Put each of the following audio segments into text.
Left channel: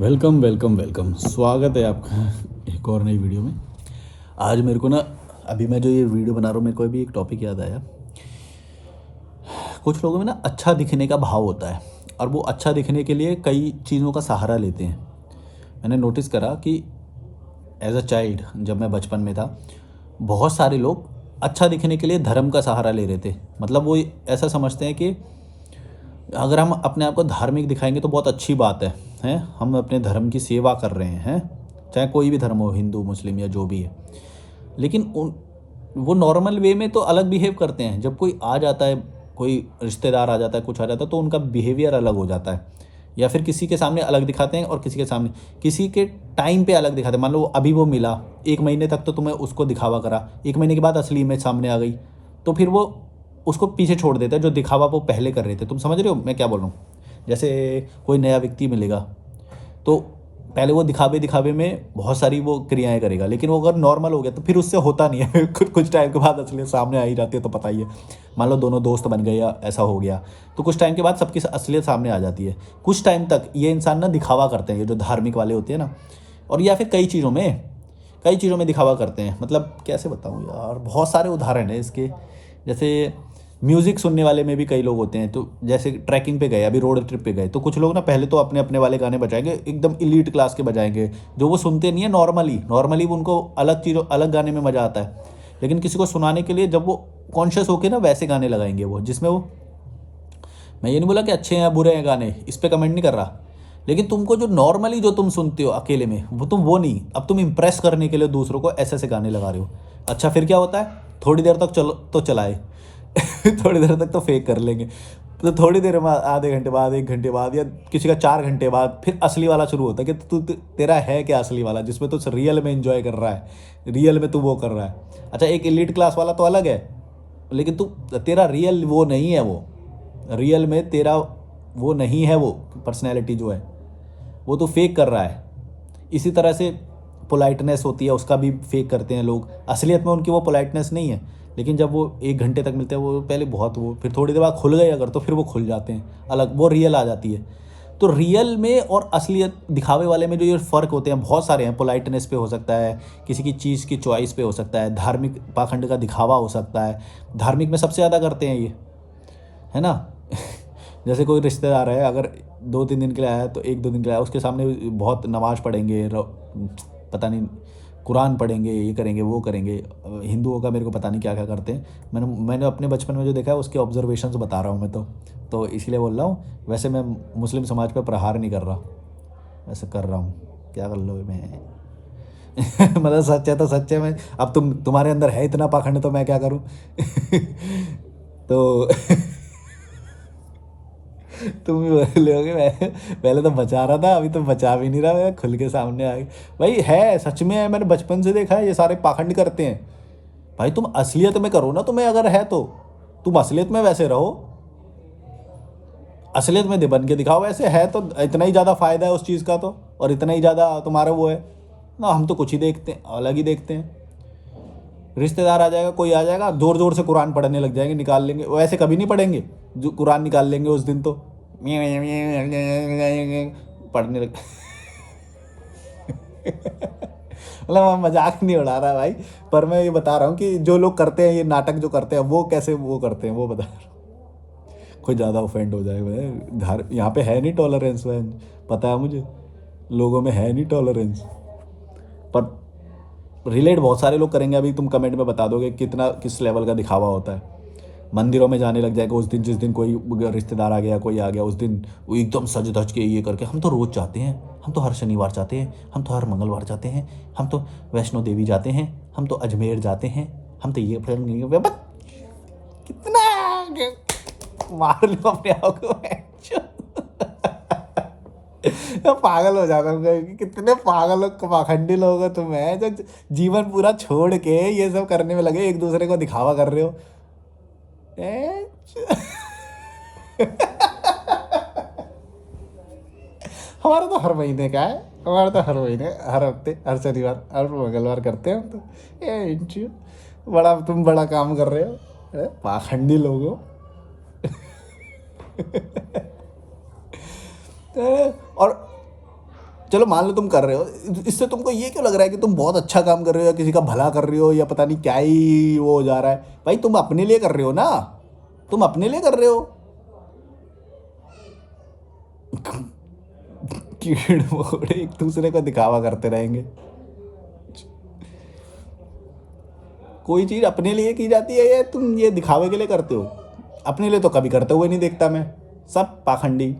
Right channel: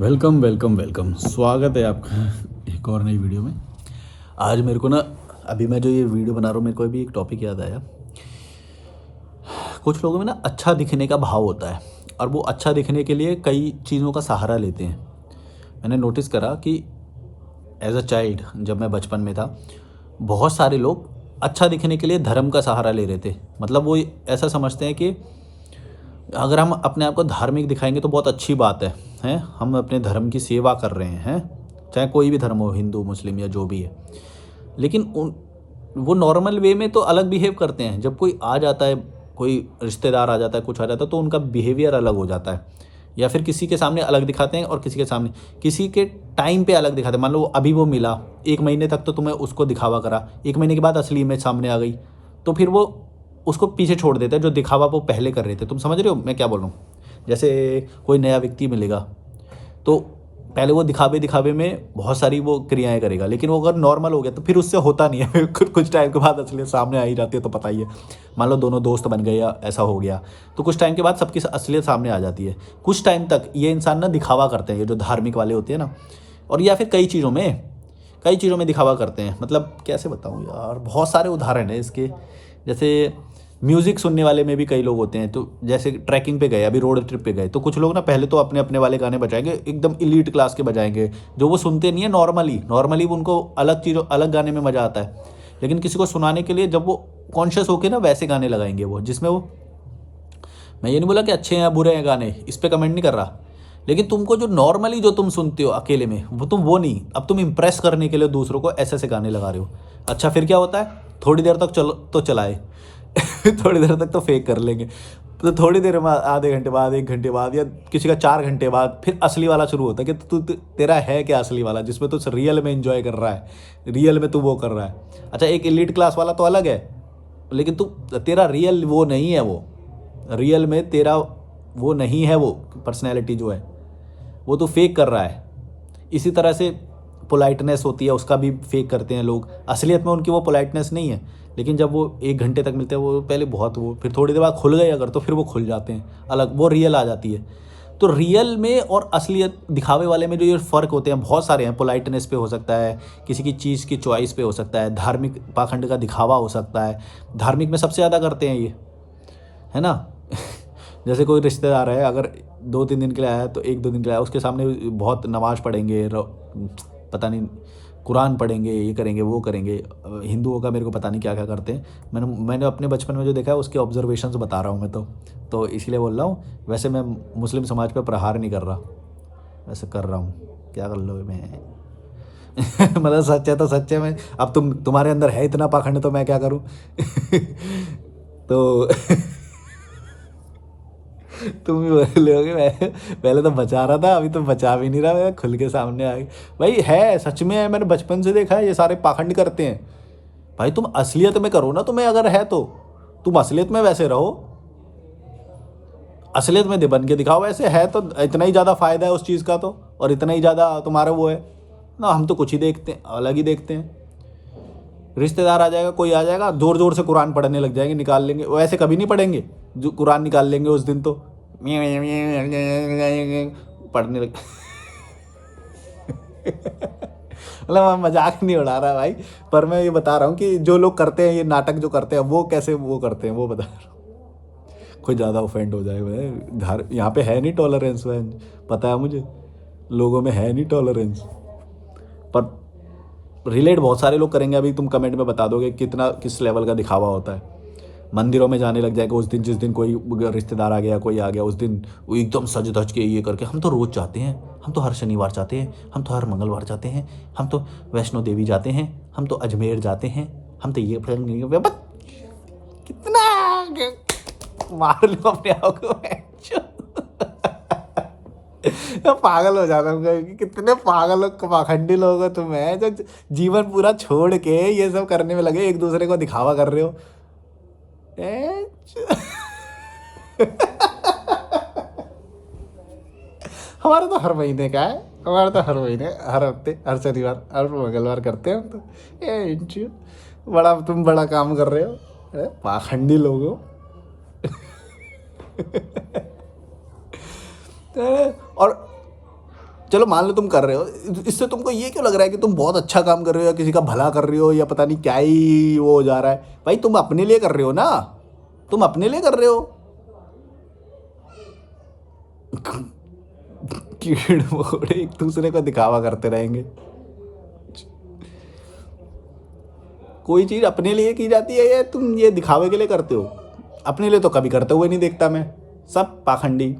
Welcome welcome welcome, स्वागत है आपका एक और नई वीडियो में। आज मेरे को ना, अभी मैं जो ये वीडियो बना रहा हूँ, मेरे को अभी एक टॉपिक याद आया। कुछ लोगों में ना अच्छा दिखने का भाव होता है और वो अच्छा दिखने के लिए कई चीज़ों का सहारा लेते हैं। मैंने नोटिस करा कि एज अ चाइल्ड, जब मैं बचपन में था, बहुत सारे लोग अच्छा दिखने के लिए धर्म का सहारा ले रहे थे। मतलब वो ऐसा समझते हैं कि अगर हम अपने आप को धार्मिक दिखाएंगे तो बहुत अच्छी बात है। हम अपने धर्म की सेवा कर रहे हैं, चाहे कोई भी धर्म हो, हिंदू मुस्लिम या जो भी है। लेकिन उन वो नॉर्मल वे में तो अलग बिहेव करते हैं। जब कोई आ जाता है, कोई रिश्तेदार आ जाता है, कुछ आ जाता है, तो उनका बिहेवियर अलग हो जाता है। या फिर किसी के सामने अलग दिखाते हैं और किसी के सामने, किसी के टाइम पे अलग दिखाते हैं। मान लो अभी वो मिला, 1 महीने तक तो तुम्हें उसको दिखावा करा, 1 महीने के बाद असली इमेज सामने आ गई, तो फिर वो उसको पीछे छोड़ देता है जो दिखावा वो पहले कर रहे थे। तुम समझ रहे हो मैं क्या बोल रहा हूँ? जैसे कोई नया व्यक्ति मिलेगा तो पहले वो दिखावे दिखावे में बहुत सारी वो क्रियाएं करेगा, लेकिन वो अगर नॉर्मल हो गया तो फिर उससे होता नहीं है कुछ टाइम के बाद असलियत सामने आ ही जाती है, तो पता ही है। मान लो दोनों दोस्त बन गए या ऐसा हो गया, तो कुछ टाइम के बाद सबकी असलियत सामने आ जाती है। कुछ टाइम तक ये इंसान ना दिखावा करते हैं, ये जो धार्मिक वाले होते हैं ना, और या फिर कई चीज़ों में दिखावा करते हैं। मतलब कैसे बताऊँ यार, बहुत सारे उदाहरण हैं इसके। जैसे म्यूज़िक सुनने वाले में भी कई लोग होते हैं। तो जैसे ट्रैकिंग पे गए, अभी रोड ट्रिप पे गए, तो कुछ लोग ना पहले तो अपने अपने वाले गाने बजाएंगे, एकदम इलीट क्लास के बजाएंगे, जो वो सुनते नहीं है नॉर्मली उनको अलग चीज़ों अलग गाने में मज़ा आता है। लेकिन किसी को सुनाने के लिए जब वो कॉन्शियस होके ना वैसे गाने लगाएंगे वो, जिसमें वो, मैं ये नहीं बोला कि अच्छे हैं या बुरे हैं गाने, इस पे कमेंट नहीं कर रहा। लेकिन तुमको जो नॉर्मली जो तुम सुनते हो अकेले में, वो नहीं, अब तुम इंप्रेस करने के लिए दूसरों को ऐसे ऐसे गाने लगा रहे हो। अच्छा, फिर क्या होता है? थोड़ी देर तक चलो तो चलाए थोड़ी देर तक तो फेक कर लेंगे, तो थोड़ी देर बाद, आधे घंटे बाद, 1 घंटे बाद, या किसी का 4 घंटे बाद फिर असली वाला शुरू होता है कि तेरा है क्या असली वाला, जिसमें तू रियल में इंजॉय कर रहा है, रियल में तू वो कर रहा है। अच्छा, एक एलीट क्लास वाला तो अलग है, लेकिन तू, तेरा रियल वो नहीं है, वो रियल में तेरा वो नहीं है, वो पर्सनैलिटी जो है वो तो फेक कर रहा है। इसी तरह से पोलाइटनेस होती है, उसका भी फेक करते हैं लोग। असलियत में उनकी वो पोलाइटनेस नहीं है, लेकिन जब वो 1 घंटे तक मिलते हैं, वो पहले बहुत, वो फिर थोड़ी देर बाद खुल गए अगर, तो फिर वो खुल जाते हैं अलग, वो रियल आ जाती है। तो रियल में और असलियत दिखावे वाले में जो ये फ़र्क होते हैं बहुत सारे हैं। पोलाइटनेस पे हो सकता है, किसी की चीज़ की चॉइस पे हो सकता है, धार्मिक पाखंड का दिखावा हो सकता है। धार्मिक में सबसे ज़्यादा करते हैं ये, है ना जैसे कोई रिश्तेदार है, अगर 2-3 दिन के लिए आया है, तो 1-2 दिन के लिए आया, उसके सामने बहुत नमाज़ पढ़ेंगे, पता नहीं कुरान पढ़ेंगे, ये करेंगे वो करेंगे। हिंदुओं का मेरे को पता नहीं क्या क्या करते हैं। मैंने अपने बचपन में जो देखा है उसके ऑब्जर्वेशंस बता रहा हूँ मैं, तो इसीलिए बोल रहा हूँ। वैसे मैं मुस्लिम समाज पे प्रहार नहीं कर रहा, वैसे कर रहा हूँ, क्या कर लो मैं मतलब सच है तो सच है। मैं, अब तुम्हारे अंदर है इतना पाखंड, तो मैं क्या करूँ तो तुम भी बोलोगे मैं पहले तो बचा रहा था, अभी तो बचा भी नहीं रहा, मैं खुल के सामने आ गई। भाई है, सच में है, मैंने बचपन से देखा है, ये सारे पाखंड करते हैं। भाई तुम असलियत में करो ना, तुम्हें अगर है तो तुम असलियत में वैसे रहो, असलियत में दे बन के दिखाओ। वैसे है तो इतना ही ज़्यादा फायदा है उस चीज़ का, तो और इतना ही ज़्यादा तुम्हारा वो है ना। हम तो कुछ ही देखते हैं, अलग ही देखते हैं। रिश्तेदार आ जाएगा, कोई आ जाएगा, जोर जोर से कुरान पढ़ने लग जाएंगे, निकाल लेंगे। वो ऐसे कभी नहीं पढ़ेंगे, जो कुरान निकाल लेंगे उस दिन तो पढ़ने लग मतलब मैं मजाक नहीं उड़ा रहा भाई, पर मैं ये बता रहा हूँ कि जो लोग करते हैं ये नाटक जो करते हैं, वो कैसे वो करते हैं वो बता रहा हूँ। कोई ज़्यादा ऑफेंड हो जाए भाई, घर यहाँ पे है नहीं टॉलरेंस, पता है मुझे, लोगों में है नहीं टॉलरेंस। पर रिलेट बहुत सारे लोग करेंगे। अभी तुम कमेंट में बता दोगे कितना किस लेवल का दिखावा होता है। मंदिरों में जाने लग जाएगा उस दिन, जिस दिन कोई रिश्तेदार आ गया, कोई आ गया, उस दिन वो एकदम सज धज के ये करके, हम तो रोज़ जाते हैं, हम तो हर शनिवार जाते हैं, हम तो हर मंगलवार जाते हैं, हम तो वैष्णो देवी जाते हैं, हम तो अजमेर जाते हैं, हम तो ये कितना मार लो अपने आप को मैं पागल हो जाता हूँ कि कितने पागल पाखंडी लोग हो तुम, हैं जो जीवन पूरा छोड़ के ये सब करने में लगे, एक दूसरे को दिखावा कर रहे हो। हमारा तो हर महीने का है, हमारा तो हर महीने, हर हफ्ते, हर शनिवार, हर मंगलवार करते हैं हम तो। बड़ा तुम बड़ा काम कर रहे हो, पाखंडी लोग हो और चलो मान लो तुम कर रहे हो, इससे तुमको ये क्यों लग रहा है कि तुम बहुत अच्छा काम कर रहे हो या किसी का भला कर रहे हो या पता नहीं क्या ही वो हो जा रहा है? भाई तुम अपने लिए कर रहे हो ना, तुम अपने लिए कर रहे हो। कीड़ मकोड़े एक दूसरे को दिखावा करते रहेंगे। कोई चीज अपने लिए की जाती है या तुम ये दिखावे के लिए करते हो? अपने लिए तो कभी करते हुए नहीं देखता मैं, सब पाखंडी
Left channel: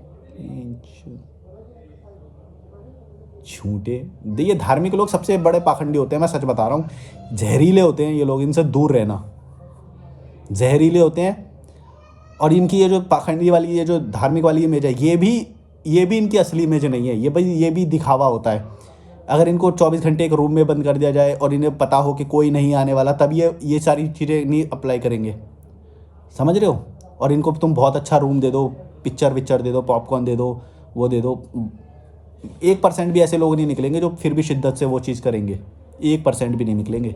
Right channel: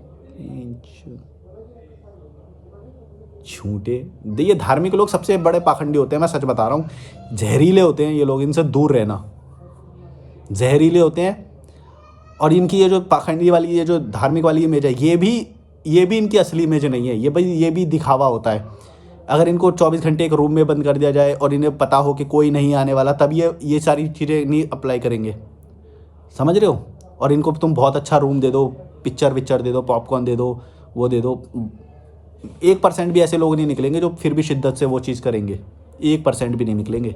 झूठे। ये धार्मिक लोग सबसे बड़े पाखंडी होते हैं, मैं सच बता रहा हूँ। जहरीले होते हैं ये लोग, इनसे दूर रहना। जहरीले होते हैं। और इनकी ये जो पाखंडी वाली, ये जो धार्मिक वाली इमेज है, ये भी इनकी असली इमेज नहीं है। ये भी दिखावा होता है। अगर इनको 24 घंटे एक रूम में बंद कर दिया जाए और इन्हें पता हो कि कोई नहीं आने वाला, तब ये सारी चीज़ें नहीं अप्लाई करेंगे। समझ रहे हो? और इनको तुम बहुत अच्छा रूम दे दो, पिक्चर दे दो, पॉपकॉर्न दे दो, वो दे दो, 1% भी ऐसे लोग नहीं निकलेंगे जो फिर भी शिद्दत से वो चीज़ करेंगे। 1% भी नहीं निकलेंगे।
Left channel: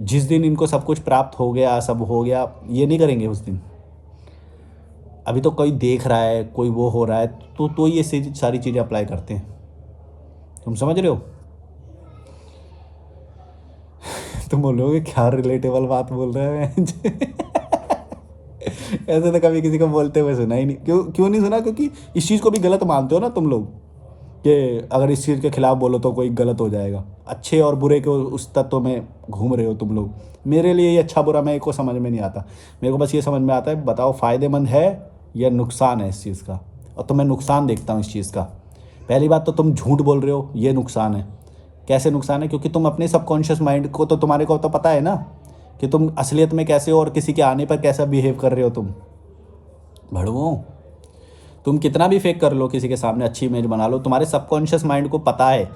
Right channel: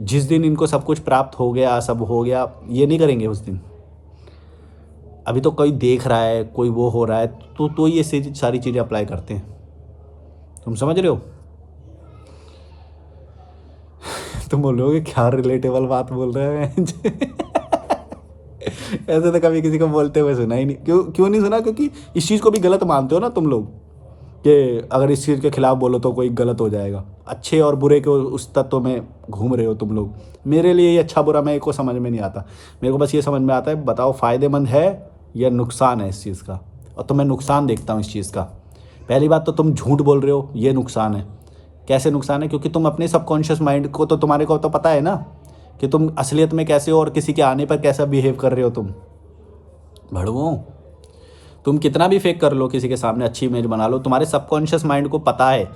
जिस दिन इनको सब कुछ प्राप्त हो गया, सब हो गया, ये नहीं करेंगे उस दिन। अभी तो कोई देख रहा है, कोई वो हो रहा है, तो ये सारी चीज़ें अप्लाई करते हैं। तुम समझ रहे हो? तुम बोलोगे क्या रिलेटेबल बात बोल रहे हैं। ऐसे तो कभी किसी को बोलते हुए सुना ही नहीं। क्यों नहीं सुना? क्योंकि इस चीज़ को भी गलत मानते हो ना तुम लोग, कि अगर इस चीज़ के खिलाफ बोलो तो कोई गलत हो जाएगा। अच्छे और बुरे के उस तत्व में घूम रहे हो तुम लोग। मेरे लिए ये अच्छा बुरा मेरे को समझ में नहीं आता। मेरे को बस ये समझ में आता है, बताओ फ़ायदेमंद है या नुकसान है इस चीज़ का। और तो मैं नुकसान देखता हूँ इस चीज़ का। पहली बात तो तुम झूठ बोल रहे हो, ये नुकसान है। कैसे नुकसान है? क्योंकि तुम अपने सबकॉन्शियस माइंड को तो, तुम्हारे को तो पता है ना कि तुम असलियत में कैसे हो और किसी के आने पर कैसा बिहेव कर रहे हो तुम। भड़वो, तुम कितना भी फेक कर लो, किसी के सामने अच्छी इमेज बना लो, तुम्हारे सबकॉन्शियस माइंड को पता है।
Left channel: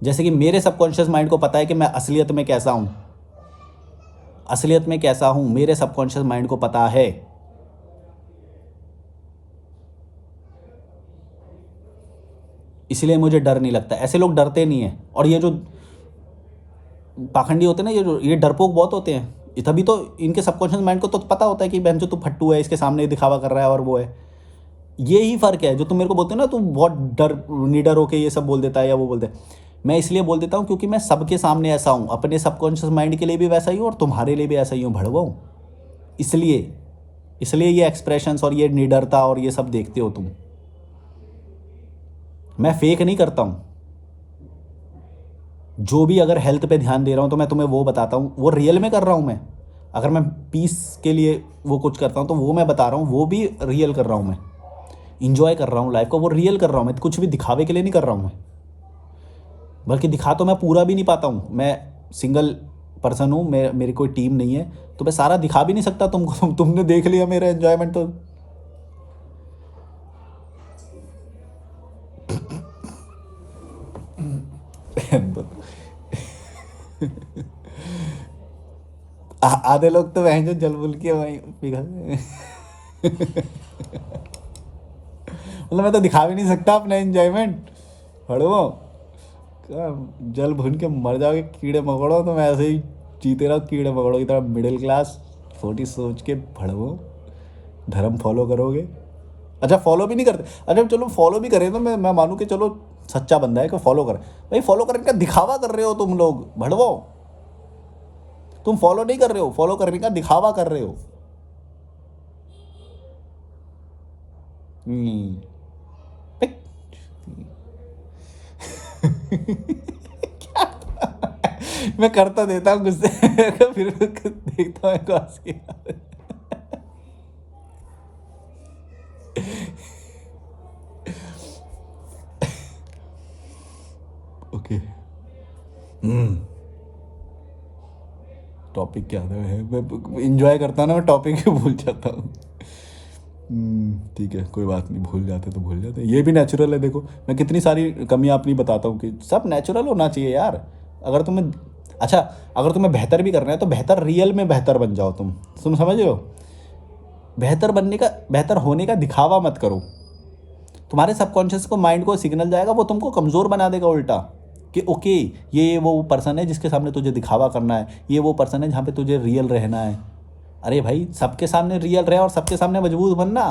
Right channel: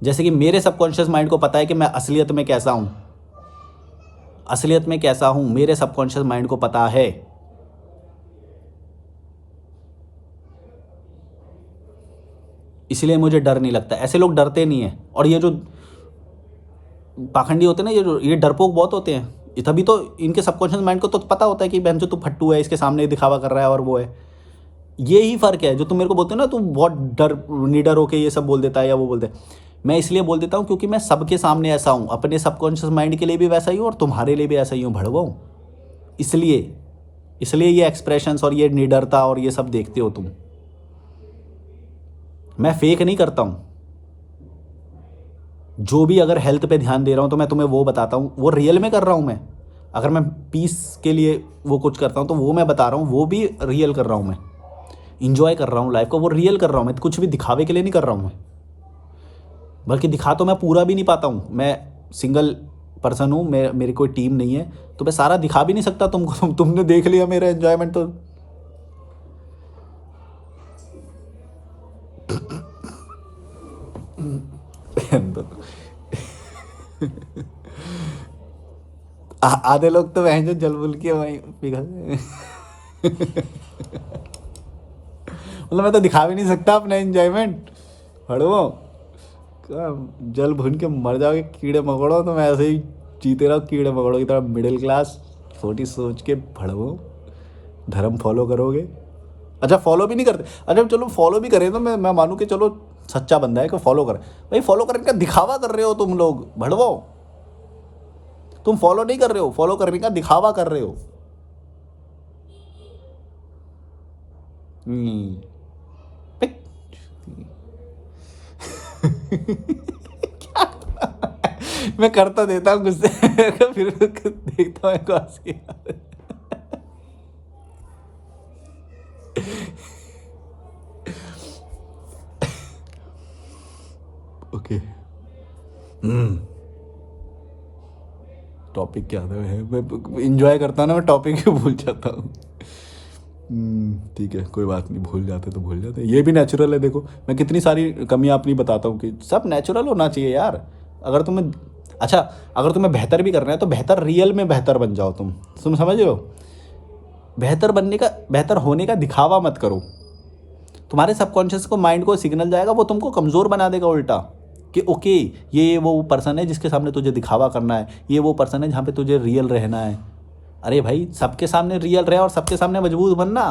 जैसे कि मेरे सबकॉन्शियस माइंड को पता है कि मैं असलियत में कैसा हूँ। असलियत में कैसा हूँ मेरे सबकॉन्शियस माइंड को पता है। इसलिए मुझे डर नहीं लगता। ऐसे लोग डरते नहीं हैं। और ये जो पाखंडी होते हैं ना, ये डरपोक बहुत होते हैं। तभी तो इनके सबकॉन्शियस माइंड को तो पता होता है कि बहन जो तू फट्टू है, इसके सामने दिखावा कर रहा है और वो है। ये ही फ़र्क है। जो तुम मेरे को बोलते हो ना, तुम बहुत निडर होके ये सब बोल देता है या वो बोलते हैं, मैं इसलिए बोल देता हूँ क्योंकि मैं सबके सामने ऐसा हूँ। अपने सबकॉन्शियस माइंड के लिए भी वैसा ही हूँ और तुम्हारे लिए भी ऐसा ही हूँ भड़वो। इसलिए ये एक्सप्रेशंस और ये निडरता और ये सब देखते हो तुम। मैं फेक नहीं करता हूँ। जो भी अगर हेल्थ पे ध्यान दे रहा हूँ तो मैं तुम्हें वो बताता हूँ, वो रियल में कर रहा हूँ मैं। अगर मैं पीस के लिए वो कुछ करता हूँ तो वो मैं बता रहा हूँ, वो भी रियल कर रहा हूँ मैं। इंजॉय कर रहा हूँ लाइफ को, वो रियल कर रहा हूँ मैं। कुछ भी दिखावे के लिए नहीं कर रहा हूँ मैं। बल्कि दिखा तो मैं पूरा भी नहीं पाता हूँ। मैं सिंगल पर्सन हूँ, मेरी कोई टीम नहीं है, तो मैं सारा दिखा भी नहीं सकता तुमको। तुमने देख लिया मेरा एंजॉयमेंट तो। आधे लोग तो वह जो जल बुल के वहीं पिघल। मतलब मैं तो दिखा भी नहीं सकता अपना एंजॉयमेंट। हड़ो, जल भून के मर जाओगे कीड़े मकोड़ो, तो मैं ऐसे ही जीते रहो कीड़े मकोड़ों की तरह, मिडिल क्लास छोटी सोच के। भड़वो, धर्म फॉलो करोगे? अच्छा फॉलो भी नहीं करते? अच्छा चलो फॉलो भी करें तो मैं मानूँ कि चलो सच्चा बंदा है कि फॉलो करे। भाई फॉलो करने का दिखावा कर रहे हो तुम लोग भड़वो। तुम फॉलो नहीं कर रहे हो, फॉलो करने का दिखावा कर रहे हो। क्या? मैं करता देता हूँ गुस्से, फिर देखता हूँ हंसी। ओके, टॉपिक क्या था? मैं इंजॉय करता हूँ ना, मैं टॉपिक ही भूल जाता हूँ। ठीक है, कोई बात नहीं, भूल जाते तो भूल जाते। ये भी नेचुरल है। देखो मैं कितनी सारी कमियां अपनी बताता हूँ कि सब नेचुरल होना चाहिए यार। अगर तुम्हें बेहतर भी करना है तो बेहतर रियल में बेहतर बन जाओ तुम समझ रहे हो? बेहतर होने का दिखावा मत करो। तुम्हारे सबकॉन्शियस को, माइंड को सिग्नल जाएगा, वो तुमको कमज़ोर बना देगा उल्टा, कि ओके ये वो पर्सन है जिसके सामने तुझे दिखावा करना है, ये वो पर्सन है जहाँ पे तुझे रियल रहना है। अरे भाई सबके सामने रियल रहे और सबके सामने मजबूत बनना।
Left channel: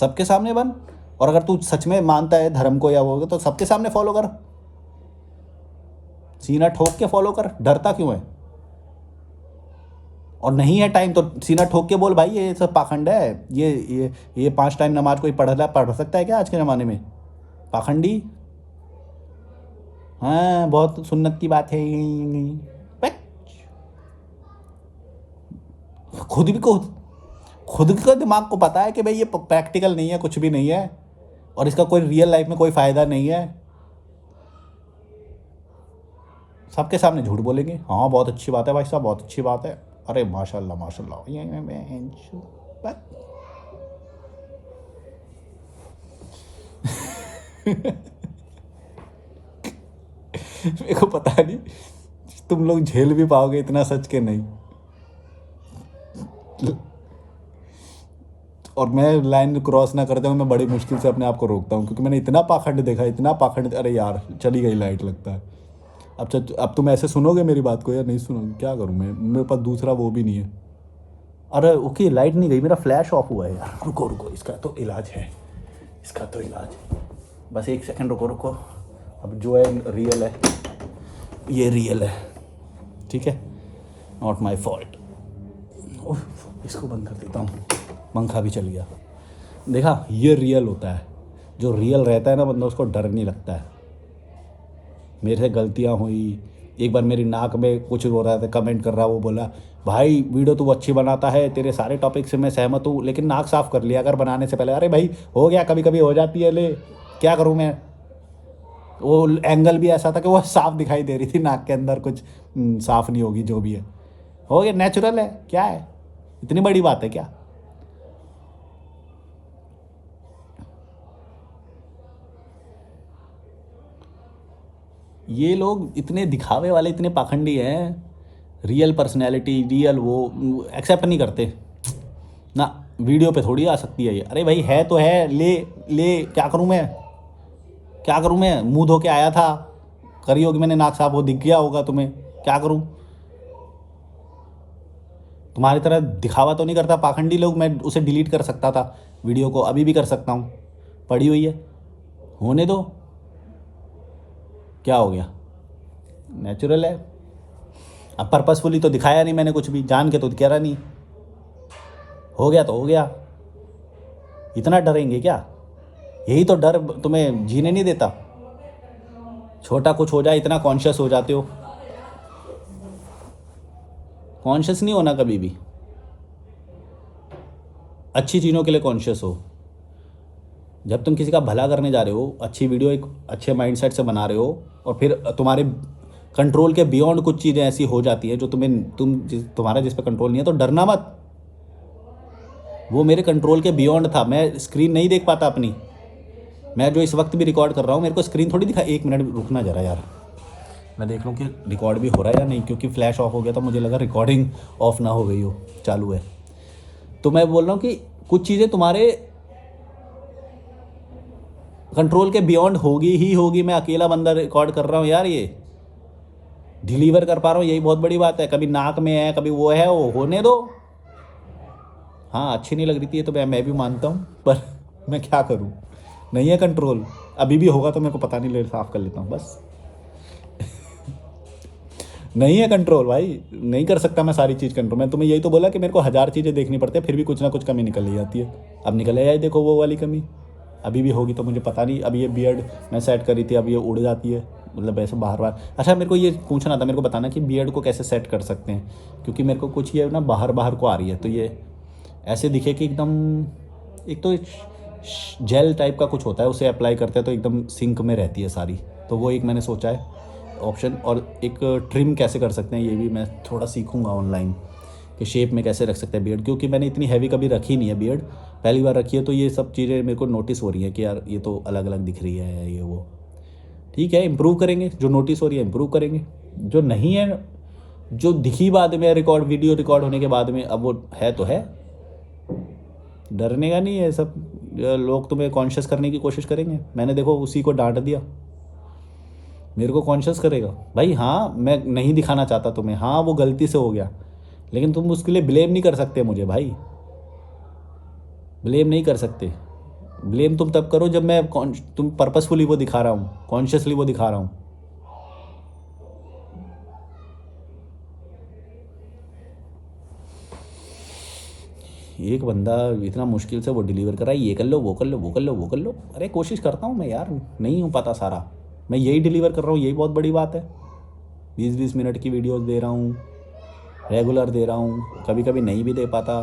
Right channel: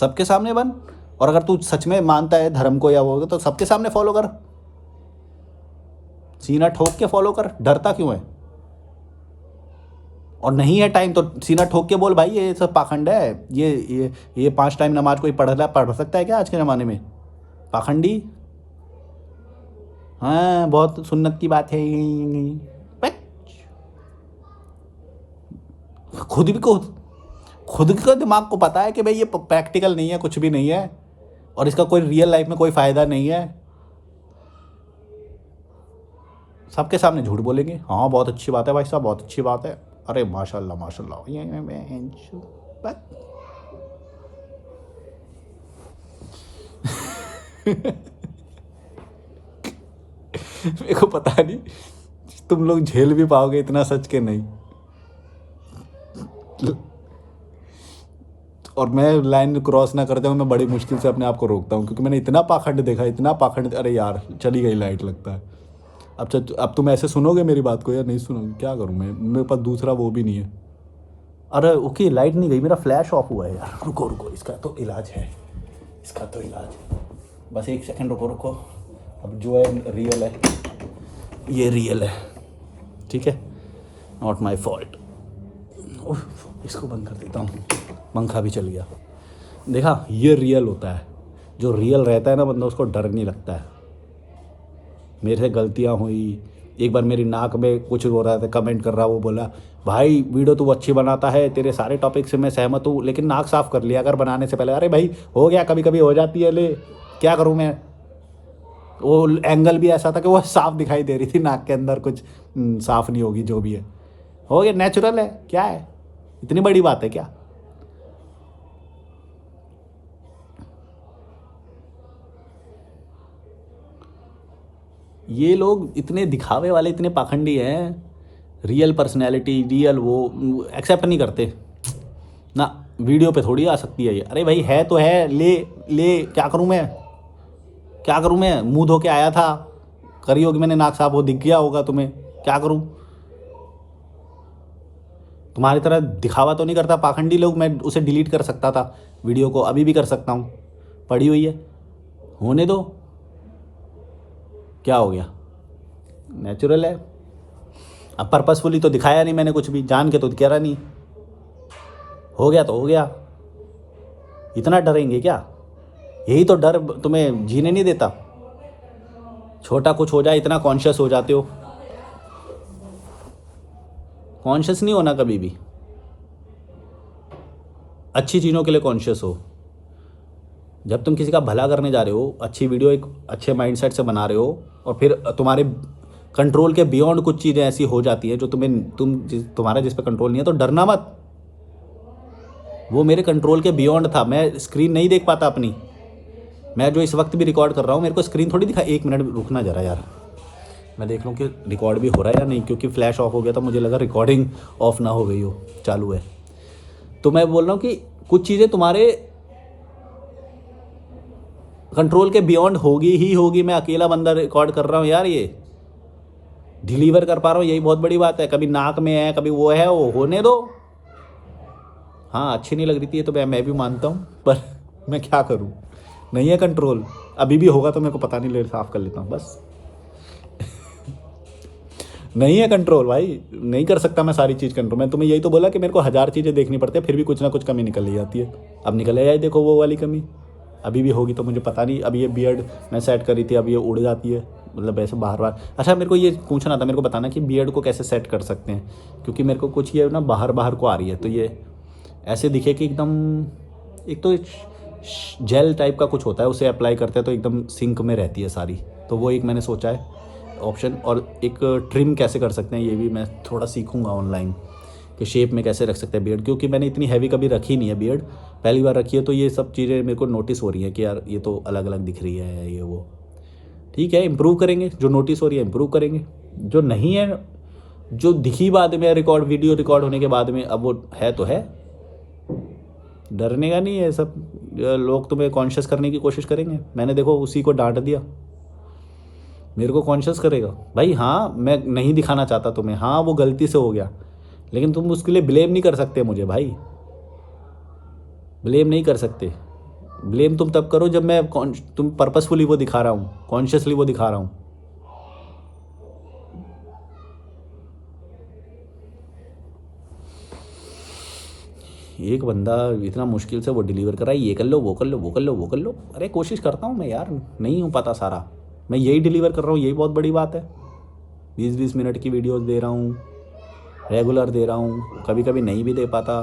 सबके सामने बन, और अगर तू सच में मानता है धर्म को या वो तो सबके सामने फॉलो कर, सीना ठोक के फॉलो कर, डरता क्यों है? और नहीं है टाइम तो सीना ठोक के बोल भाई ये सब पाखंड है, ये 5 टाइम नमाज कोई पढ़ सकता है क्या आज के ज़माने में? पाखंडी, हाँ बहुत सुन्नत की बात है। खुद का दिमाग को पता है कि भाई ये प्रैक्टिकल नहीं है, कुछ भी नहीं है, और इसका कोई रियल लाइफ में कोई फायदा नहीं है। सबके सामने झूठ बोलेंगे, हाँ बहुत अच्छी बात है भाई साहब, बहुत अच्छी बात है, अरे माशाल्लाह माशाल्लाह, मेरे को पता नहीं तुम लोग झेल भी पाओगे इतना सच के नहीं। और मैं लाइन क्रॉस ना करता हूँ, मैं बड़ी मुश्किल से अपने आप को रोकता हूँ, क्योंकि मैंने इतना पाखंड देखा, इतना पाखंड, अरे यार चली गई लाइट लगता है। अब तुम ऐसे सुनोगे मेरी बात को या नहीं सुनोगे? क्या करूँ मैं, मेरे पास दूसरा वो भी नहीं है। अरे ओके लाइट नहीं गई, मेरा फ्लैश ऑफ हुआ है यार, रुको इसका तो इलाज है, बस 1 सेकंड रुको। अब जो है रियल है, ये रियल है, ठीक है, नॉट माई फॉल्ट। इसको बंद कर देता हूँ, पंखा भी चल गया। देखा, ये रियल होता है, जो रियल रहता है ना बंदा, उसको डर नहीं लगता है। मेरे से गलतियाँ हुई, एक बार मेरी नाक में कुछ हो रहा था, कमेंट कर रहा, वो बोला भाई वीडियो तू अच्छी बनाता है, तेरे सारे टॉपिक से मैं सहमत हूँ, लेकिन नाक साफ़ कर लिया अगर बनाने से पहले। अरे भाई हो गया, कभी कभी हो जाती है, ले क्या करूँ मैं। वो एंगल भी ऐसा था कि वो साफ दिखाई दे रही थी, नाक के अंदर कुछ साफ नहीं होगी, जो भी है हो गया, नेचुरल है, क्या है, इतनी बड़ी बात है क्या? ये लोग इतने दिखावे वाले, इतने पाखंडी हैं, रियल पर्सनैलिटी, रियल वो एक्सेप्ट नहीं करते ना। वीडियो पे थोड़ी आ सकती है ये, अरे भाई है तो है, ले क्या करूं मैं, मुंह धो के आया था, करी होगी मैंने नाक साफ, वो दिख गया होगा तुम्हें, क्या करूं? तुम्हारी तरह दिखावा तो नहीं करता पाखंडी लोग, मैं उसे डिलीट कर सकता था वीडियो को, अभी भी कर सकता हूं, पड़ी हुई है, होने दो, क्या हो गया, नेचुरल है। अब पर्पसफुली तो दिखाया नहीं मैंने कुछ भी, जान के तो कह रहा नहीं, हो गया तो हो गया, इतना डरेंगे क्या? यही तो डर तुम्हें जीने नहीं देता। छोटा कुछ हो जाए इतना कॉन्शियस हो जाते हो, कॉन्शियस नहीं होना कभी भी, अच्छी चीज़ों के लिए कॉन्शियस हो। जब तुम किसी का भला करने जा रहे हो, अच्छी वीडियो एक अच्छे माइंडसेट से बना रहे हो, और फिर तुम्हारे कंट्रोल के बियॉन्ड कुछ चीज़ें ऐसी हो जाती हैं जो तुम्हारा जिस पे कंट्रोल नहीं है, तो डरना मत। वो मेरे कंट्रोल के बियॉन्ड था, मैं स्क्रीन नहीं देख पाता अपनी, मैं जो इस वक्त भी रिकॉर्ड कर रहा हूँ, मेरे को स्क्रीन थोड़ी दिखा। 1 मिनट रुकना जरा यार, मैं देख लूँ कि रिकॉर्ड भी हो रहा है या नहीं, क्योंकि फ्लैश ऑफ हो गया था, मुझे लगा रिकॉर्डिंग ऑफ ना हो गई हो, चालू है। तो मैं बोल रहा हूँ कि कुछ चीज़ें तुम्हारे कंट्रोल के बियॉन्ड होगी। मैं अकेला बंदा रिकॉर्ड कर रहा हूँ यार, ये डिलीवर कर पा रहा हूँ, यही बहुत बड़ी बात है। कभी नाक में है, कभी वो है, वो होने दो। हाँ अच्छी नहीं लग रही थी ये तो मैं भी मानता हूँ, पर मैं क्या करूँ, नहीं है कंट्रोल। अभी भी होगा तो मेरे को पता नहीं, ले साफ कर लेता हूँ बस। नहीं है कंट्रोल भाई, नहीं कर सकता मैं सारी चीज़ कंट्रोल। मैं तुम्हें यही तो बोला कि मेरे को 1000 चीज़ें देखनी पड़ती है, फिर भी कुछ ना कुछ कमी निकल ही जाती है। अब निकल आई, देखो वो वाली कमी, अभी भी होगी तो मुझे पता नहीं। अब ये बियर्ड मैं सेट करी थी, अब ये उड़ जाती है, मतलब ऐसे बाहर। अच्छा मेरे को ये पूछना था, मेरे को बताना कि बियर्ड को कैसे सेट कर सकते हैं, क्योंकि मेरे को कुछ ये ना बाहर को आ रही है, तो ये ऐसे दिखे कि एकदम, एक तो जेल टाइप का कुछ होता है, उसे अप्लाई करते हैं तो एकदम सिंक में रहती है सारी, तो वो एक मैंने सोचा है ऑप्शन। और एक ट्रिम कैसे कर सकते हैं, ये भी मैं थोड़ा सीखूंगा ऑनलाइन, कि शेप में कैसे रख सकते हैं बियर्ड, क्योंकि मैंने इतनी हैवी कभी रखी नहीं है बियर्ड, पहली बार रखी है। तो ये सब चीज़ें मेरे को नोटिस हो रही हैं कि यार ये तो अलग अलग दिख रही है, ये वो। ठीक है, इम्प्रूव करेंगे, जो नोटिस हो रही है इम्प्रूव करेंगे, जो नहीं है, जो दिखी बाद में वीडियो रिकॉर्ड होने के बाद में, अब वो है तो है, डरने का नहीं है। सब लोग तुम्हें कॉन्शियस करने की कोशिश करेंगे, मैंने देखो उसी को डांट दिया, मेरे को कॉन्शियस करेगा भाई। हाँ मैं नहीं दिखाना चाहता तुम्हें, हाँ वो गलती से हो गया, लेकिन तुम उसके लिए ब्लेम नहीं कर सकते मुझे भाई, ब्लेम नहीं कर सकते। ब्लेम तुम तब करो जब मैं तुम पर्पसफुली वो दिखा रहा हूँ, कॉन्शियसली वो दिखा रहा हूँ। एक बंदा इतना मुश्किल से वो डिलीवर कर रहा है, ये कर लो, वो कर लो, वो कर लो, वो कर लो। अरे कोशिश करता हूँ मैं यार, नहीं हो पाता सारा, मैं यही डिलीवर कर रहा हूँ, यही बहुत बड़ी बात है। 20-20 मिनट की वीडियोस दे रहा हूँ, रेगुलर दे रहा हूँ, कभी कभी नहीं भी दे पाता।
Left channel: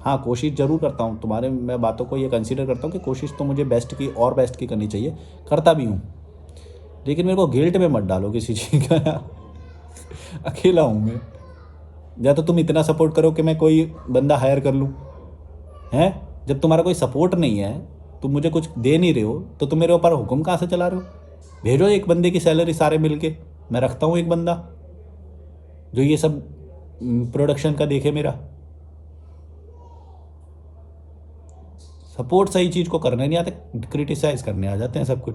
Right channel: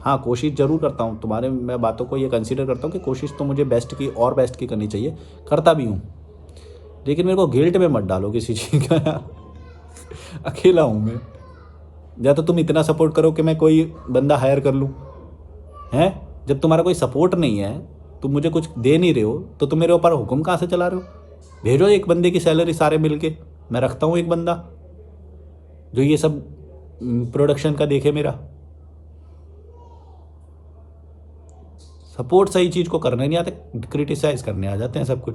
हाँ, कोशिश ज़रूर करता हूँ, तुम्हारे मैं बातों को ये कंसीडर करता हूँ कि कोशिश तो मुझे बेस्ट की और बेस्ट की करनी चाहिए, करता भी हूँ। लेकिन मेरे को गिल्ट में मत डालो किसी चीज़ का यार। अकेला हूँ मैं, या तो तुम इतना सपोर्ट करो कि मैं कोई बंदा हायर कर लूँ, हैं? जब तुम्हारा कोई सपोर्ट नहीं है, तुम मुझे कुछ दे नहीं रहे हो, तो तुम मेरे ऊपर हुक्म कहाँ से चला रहे हो? भेजो एक बंदे की सैलरी सारे मिल के, मैं रखता हूँ एक बंदा जो ये सब प्रोडक्शन का देखे मेरा। सपोर्ट सही चीज़ को करने नहीं आते, क्रिटिसाइज करने आ जाते हैं सब कुछ।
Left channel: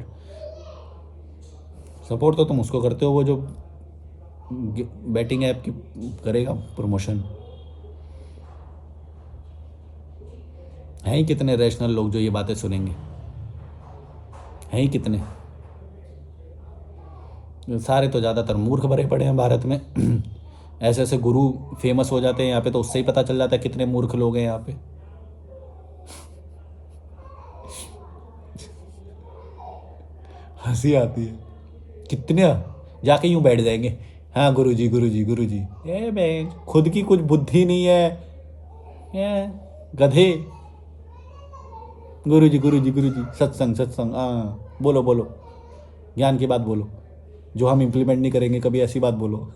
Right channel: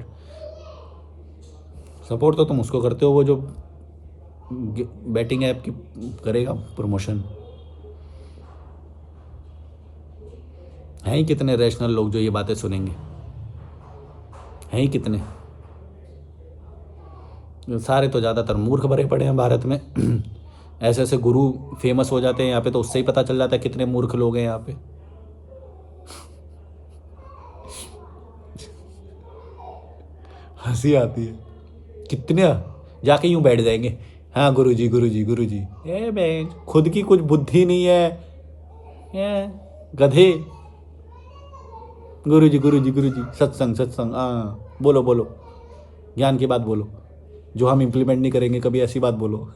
सपोर्ट तो तुम उसको करते हो वो जो बैटिंग ऐप की करेगा प्रमोशन। हैं ही कितने रैशनल लोग जो ये बातें सुनेंगे, हैं ही कितने? सारे तो ज़्यादातर मूर्ख भरे पड़े हैं भारत में। ऐसे ऐसे गुरु फेमस हो जाते हैं यहाँ पे, तो उससे ही पता चल जाता है कितने मूर्ख लोग हैं यहाँ पे। हंसी आती है कितने, जाके यूं बैठ जाएंगे, हाँ गुरुजी गुरुजी गुरुजी। ए मैं खुद की कुछ बुद्धि नहीं है, ये गधे। गुरुजी गुरुजी गुरुजी, सत्संग सत्संग, हाँ बोलो बोलो, ज्ञान की बात बोलो, जो हम इम्प्लीमेंट नहीं करेंगे कभी, ऐसी बात बोलो।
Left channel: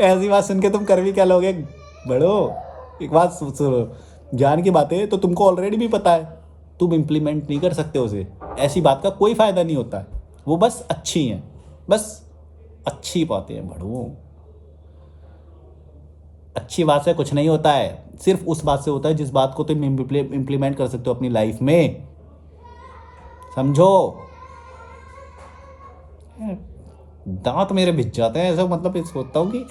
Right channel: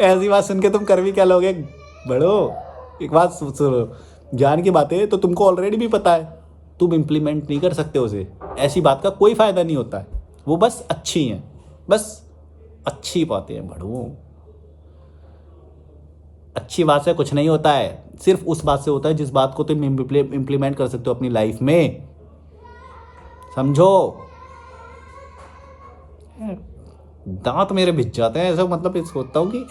ऐसी बात सुन के तुम कर भी क्या लोगे? बड़ो, एक बात सुनो, ज्ञान की बातें तो तुमको ऑलरेडी भी पता है, तुम इम्प्लीमेंट नहीं कर सकते उसे। ऐसी बात का कोई फायदा नहीं होता है, वो बस अच्छी हैं, बस अच्छी बातें हैं बड़ो। अच्छी बात से कुछ नहीं होता है, सिर्फ उस बात से होता है जिस बात को तुम इम्प्लीमेंट कर सकते हो अपनी लाइफ में, समझो? दांत मेरे भिज जाते हैं ऐसा, मतलब ये सोचता हूँ कि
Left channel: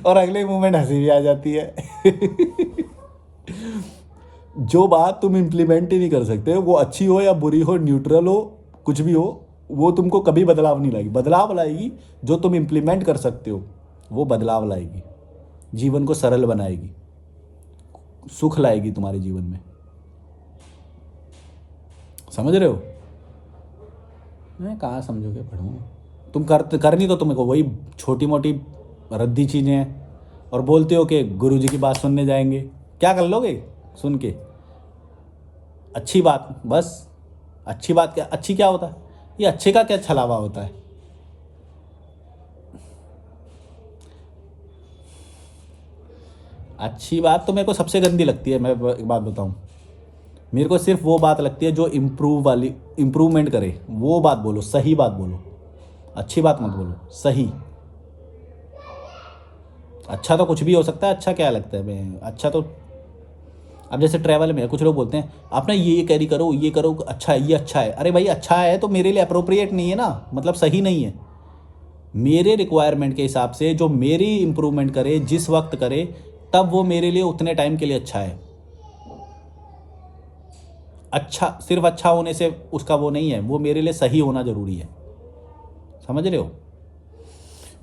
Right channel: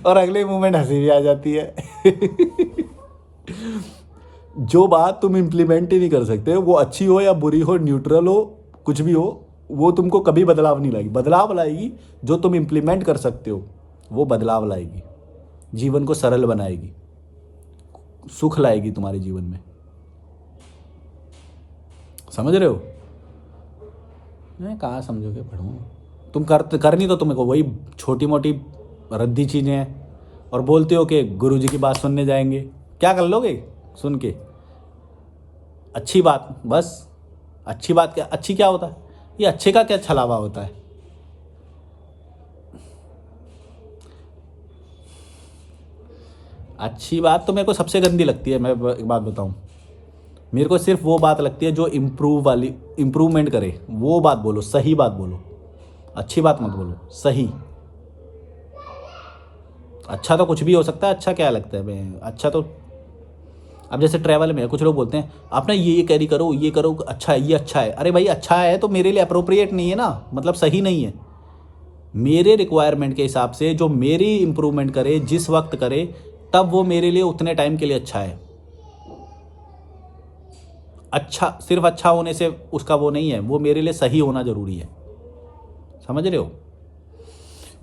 और अगले मोमेंट हंसी भी आ जाती है। जो बात तुम इम्प्लीमेंट ही नहीं कर सकते, वो अच्छी हो या बुरी हो, न्यूट्रल हो, कुछ भी हो, वो तुमको कभी बदलाव नहीं लाएगी। बदलाव लाएगी जो तुम इम्प्लीमेंट कर सकते हो, वो बदलाव लाएगी, जीवन को सरल बनाएगी, सुख लाएगी तुम्हारे जीवन में। समझ रहे हो? मैं कहाँ समझोगे पढ़ूँ, तुम करनी तो तुम्हें को वही छोटी मोटी रद्दी चीज़ें हैं, और बोलते हो कि गुरुजी की बात सुनने जाएंगे। क्या कर लोगे सुन के? अच्छी बात, बस अच्छी बात क्या, अच्छी क्या होता है? ये अच्छे का क्या छलावा होता है? अच्छी बात तो मेरे को सबसे गंदी लगती है। मैं एक बात बताऊं, मेरे को सिर्फ वो बात लगती है जो इम्प्रूवमेंट करे, वो बात बोलो, सही बात बोलो, अच्छी बात मत बोलो, सही। अच्छा तो कुछ भी हो सकता है, अच्छा क्या लगता है? मैं अच्छा तो, अब जैसे ट्रैवल में कुछ लोग बोलते हैं आप ना ये कैरी करो, ये करो, अच्छा है, ये अच्छा है। अरे भाई अच्छा है तो मेरे लिए अप्रोप्रिएट नहीं है ना, मतलब सही नहीं है। मेरे रिक्वायरमेंट के हिसाब से जो मेरी इम्प्रूवमेंट करे, जिस वक्त करे, तब वो मेरे लिए उतने टाइम के लिए अच्छा है। अच्छा सिर्फ अच्छा होने से उसका वो नहीं है, वो मेरे लिए सही होना जरूरी है। समझ रहे हो?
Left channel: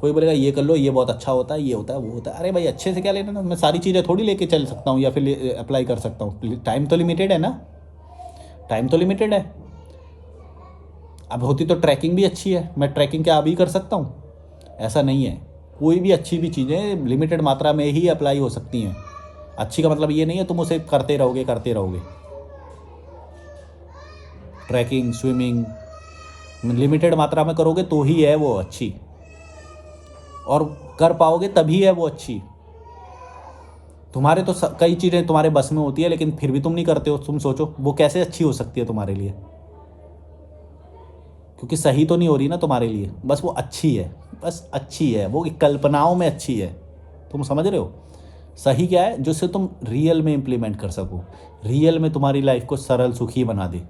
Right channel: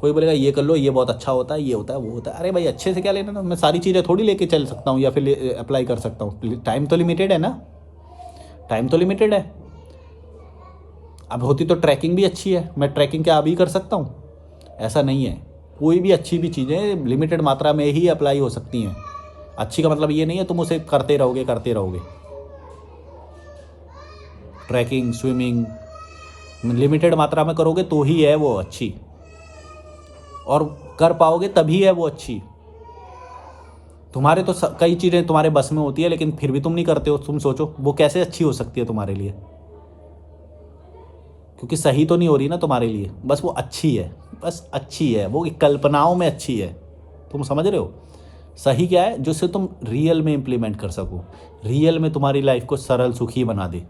कोई बोलेगा ये कर लो, ये बहुत अच्छा होता है, ये होता है, वो होता है। अरे भाई अच्छे से क्या लेना ना, मैं सारी चीज़ें थोड़ी लेके चल सकता हूँ या फिर अप्लाई कर सकता हूँ। टाइम तो लिमिटेड है ना, टाइम तो लिमिटेड है। अब होती तो ट्रैकिंग भी अच्छी है, मैं ट्रैकिंग क्या अभी कर सकता हूँ? ऐसा नहीं है, कोई भी अच्छी भी चीज़ें लिमिटेड मात्रा में ही अप्लाई हो सकती हैं। अच्छी का मतलब ये नहीं है तुम उसे करते रहोगे करते रहोगे। ट्रैकिंग, स्विमिंग लिमिटेड मात्रा में करोगे तो ही है वो अच्छी, और कर पाओगे तभी है वो अच्छी। तुम्हारे तो कई चीज़ें तुम्हारे बस में होती है, लेकिन फिर भी तुम नहीं करते हो। तुम सोचो वो कैसे अच्छी हो सकती है तुम्हारे लिए? क्योंकि सही तो नहीं हो रही ना तुम्हारे लिए, बस वो अच्छी है, बस अच्छी है, वो कल्पनाओं में अच्छी है। तुम समझ रहे हो? सही क्या है? जिससे तुम रियल में इंप्लीमेंट कर सको, रियल में तुम्हारी लाइफ को सरल सुखी बना दे,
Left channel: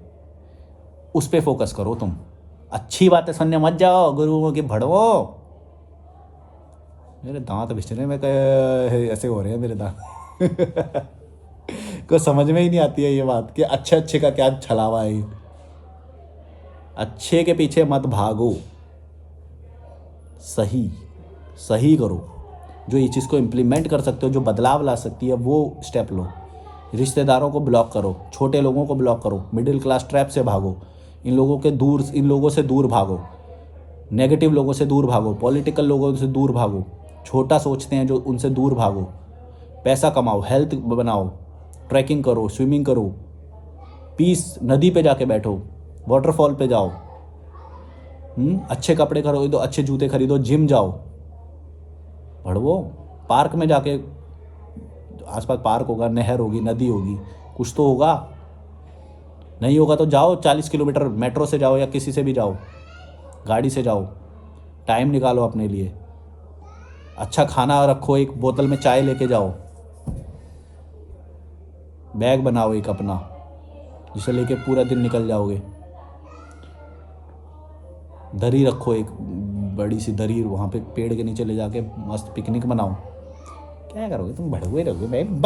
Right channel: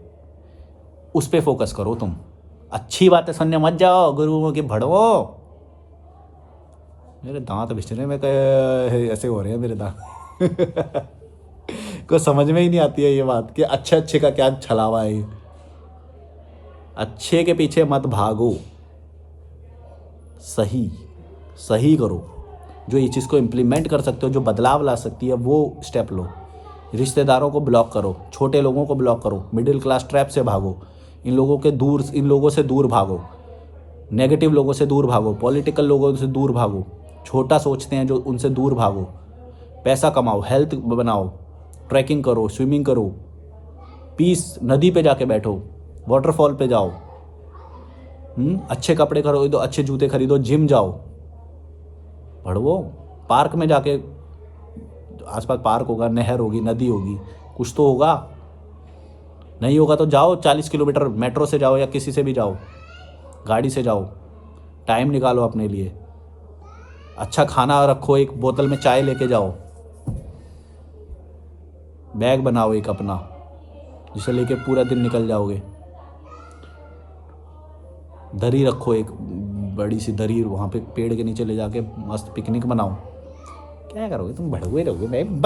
उस पर फोकस करो तुम। अच्छी बातें सुनने मत जाओ गुरुओं के भड़वो। मेरे दांत बिछने में ऐसे हो रहे हैं मेरे दांत। को समझ में ही नहीं आती है ये बात कि अच्छे अच्छे का क्या छलावा है ये। अच्छे के पीछे मत भागो, सही सही करो। जो ये चीज़ को इम्प्लीमेंट कर सकते हो, जो बदलाव ला सकती है, वो स्टेप लो। रिश्तेदारों को ब्लॉक करो, छोटे लोगों को ब्लॉक करो, मिडिल क्लास ट्रैप से भागो, इन लोगों से दूर भागो, नेगेटिव लोगों से दूर भागो, पॉलिटिकल लोगों से दूर भागो, छोटा सोचते हैं जो, उनसे दूर भागो। पैसा कमाओ, हेल्थ बनाओ, ट्रैकिंग करो, स्विमिंग करो, पीस, नदी पे जाके बैठो, वाटरफॉल पे जाओ, अच्छे कपड़े खरीदो, अच्छे जूते खरीदो, जिम जाओ, पढ़ो, पार्क में जाके, आसपास पार्क होगा, नहर होगी, नदी होगी, कुछ तो होगा। नहीं होगा तो जाओ 40 किलोमीटर मेट्रो से जाओ या किसी से भी जाओ, गाड़ी से जाओ, टाइम निकालो अपने लिए। अच्छा खाना रखो, एक बोतल में चाय लेके जाओ, बैग बनाओ एक अपना, जिसे लेके पूरा दिन निकल जाओगे। दरी रखो, एक बड़ी सी दरी, वहाँ पे पेड़ के नीचे ले जाके मस्त पिकनिक बनाओ। क्या करोगे तुम, भड़वे रहोगे। मैं